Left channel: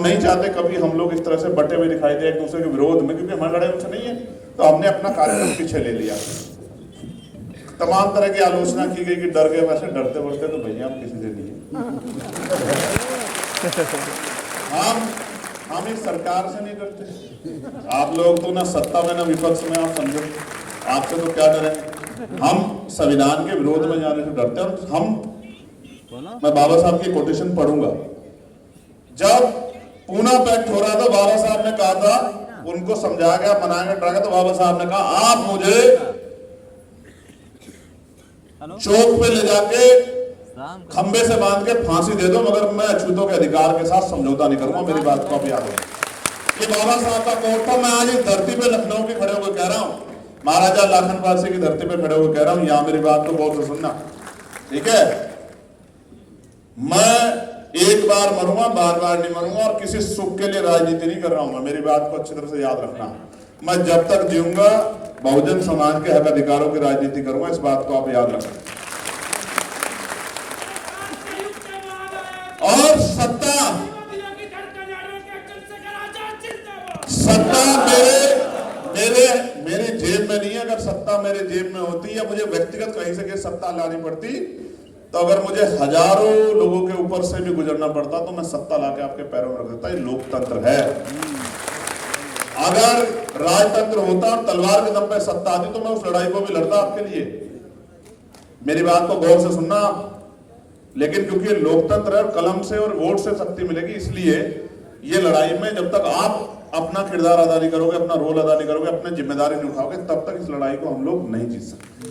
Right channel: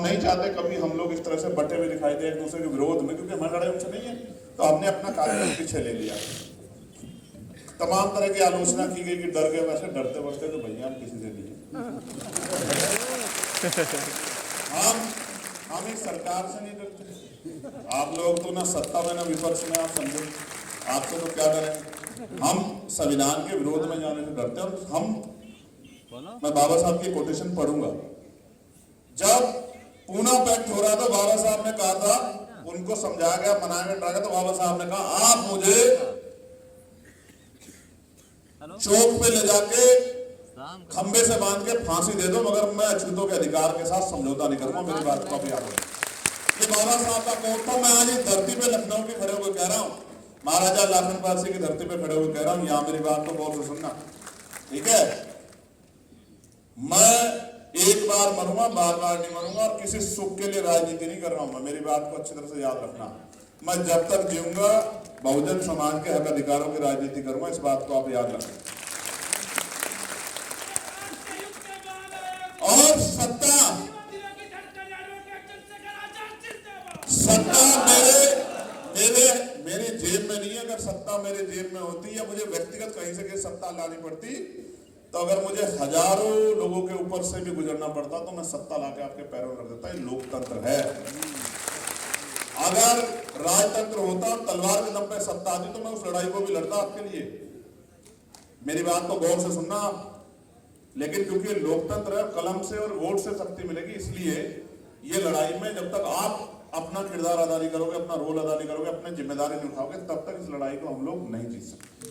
नहीं चाहते कभी हम लोग इस तरह से बटे हुए दिखाई दे एक दूसरे के विरोध में, क्योंकि हमारी लड़ाई उनसे नहीं है, तो हमने अपना कार्यक्रम पीछे ले लिया। तमाम तरह की आलोचना की गई कि डर गए, वैसे डरते बरते तो भैया हम किसी से नहीं, हम इस सरकार से नहीं डरते। आप लोग तो ना सत्ता में ना विपक्ष में, आप समझो आपसे तो क्या करेंगे। हम संविधान के विरोध में जाने से डरते हैं। हम मैं बाबा साहब की कोटेशन पढ़ूंगा। जब पूना पैक्ट हो रहा था, बाबा साहब ने कहा था, उनको समझाया गया, मनाया गया, डरा गया, तो बाबा साहब ने कहा आप मुझे चौक पे ले जाके खंबे से बांध के फांसी दे दो, मगर मैं अछूतों के अधिकार के साथ समझौता नहीं करूंगा। मेरी बात को अब याद है कि बाबा साहब का कोट था। मैं आज इस धरती पे लखनऊ के खड़े होकर कह रहा हूं, महाराजा लाखन पारसी की धरती पे खड़े होकर कह रहा हूं, यहां मेरी बात को बहुत सुनना, ठीक है। मैं एक बार मरूंगा, बार बार नहीं मरूंगा, और किसी सुख के लिए राजनीति नहीं कर रहा हूं। मेरी बात को अच्छी तरह से याद रखना। मैं जब तक जीऊंगा बहुजन समाज के हक अधिकारों की राजनीति करूंगा, इस बात को आप याद रखें। और सत्ता मेरे जेब में नहीं है। अगर सत्ता मेरे जेब में होती या मुझे व्यक्तिगत कहीं से सत्ता लानी पड़ती, तो अगर मुझे हजारों लोगों के ऊपर से भी गुजरना पड़ता, तो मैं सत्ता लाके आपके पैरों में रख देता। ये लोकतंत्र है। अगर राजतंत्र होता और तलवार के दम पे सत्ता आती, तो मैं उस लड़ाई को भी लड़ता आपके लिए। मेरी बात को गौर से सुनना। लेकिन क्योंकि ये लोकतंत्र है और कलम से और वोट से शक्ति मिलेगी, इसलिए ये लड़ाई में जब तक आप अपना किरदार अदा नहीं करोगे, अपना रोल अदा नहीं करोगे, अपनी जिम्मेदारी नहीं उठाओगे, तब तक इस लड़ाई को हम लोग नहीं जीत सकते।